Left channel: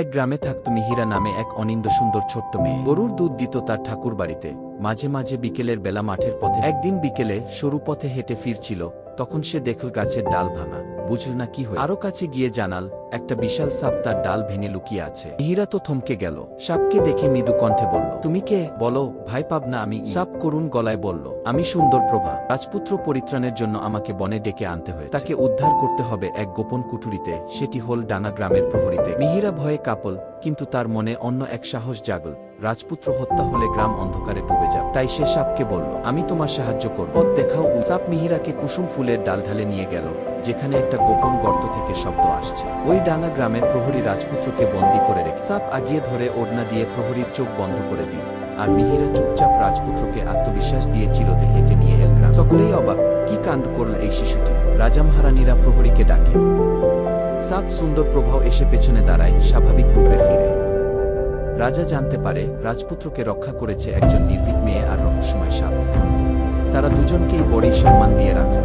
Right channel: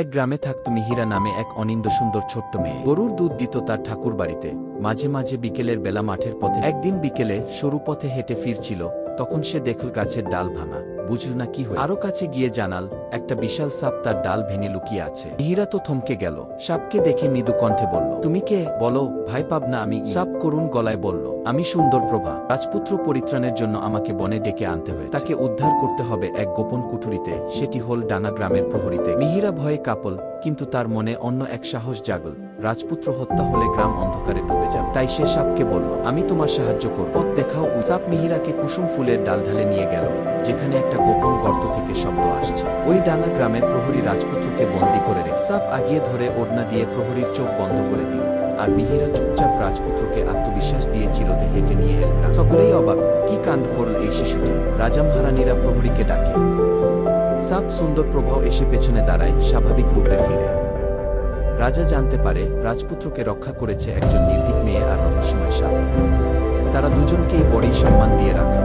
এক গ্রামে থাকত মিহিরা নামে এক অনিন্দ সুন্দর ছোট্ট মেয়ে। গরুর দুধ দিত তার ঠাকুর বাড়িতে। মাঝে মাঝে বিকেলের বেলা মাঠের পথে। একদিন বিকেলে সরু পথে হেঁটে ফিরছিল, তখন সে দেখল গাছের ডাল ভাঙা। বুঝল না কি হয়ে। আরো কাছে গিয়ে জানাল, একটা বিশাল সাপ তার ডাল ভেঙে লুকিয়ে আছে। মিহিরা তো থমকে গেল। সাপকে দেখে মৃদু কণ্ঠে বলল, তুমি কে? বলো, ভাই পাব না আমি। সাপ করুণ গলায় বলল, আমি সুন্দর প্রভা। রাজপুত্র পরিত্রাণের জন্য আমাকে বনে ডেকে আনতে হয়েছে। তাকে উদ্ধার করতে হবে এক গোপন কুঠুরিতে, সেটি হল ডানা গ্রামের প্রহরীতে। মিহিরা ভয়ে কাঁপল, কিন্তু তার মনে অন্য এক সাহস জাগল। রাজপুত্র হত্যা হলে গ্রাম অন্ধকারে ডুবে যাবে। তাই সে সাপকে বলল, আমি তোমার সাহায্য করব, পথ দেখাও। সাপ মিহিরাকে কুসুম ফুলের ডাল ঢালে নিয়ে গেল, যেখানে একটা গোপন গর্ত থেকে শব্দ আসছে। ওই ডানা গ্রামের প্রহরী রাজপুত্রকে বন্দী করে রেখে। সাপ আগিয়ে ধরে ওড়না দিয়ে প্রহরীর চোখ বন্ধ করে দিল, আর মিহিরা চুপচাপ রাজপুত্রকে আত্মবিশ্বাস দিয়ে চিরতে হেঁটে নিয়ে এল গ্রাম। সকলেই অবাক, কি কাণ্ড করল এই শিশুটি। রাজা মহারানীরা প্রহরীকে ডাকে। সাপ সুন্দর প্রভাও এসে পেছনে দাঁড়ায়, স্বাভাবিক রূপে ফিরে। রাজা জানতে পারে রাজপুত্রকে রক্ষা করেছে একজন নির্ভীক মেয়ে আর রহস্যময় সাপ। তারা দুজনকেই বড়ই সম্মান দিয়ে রাখল।